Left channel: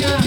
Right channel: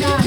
না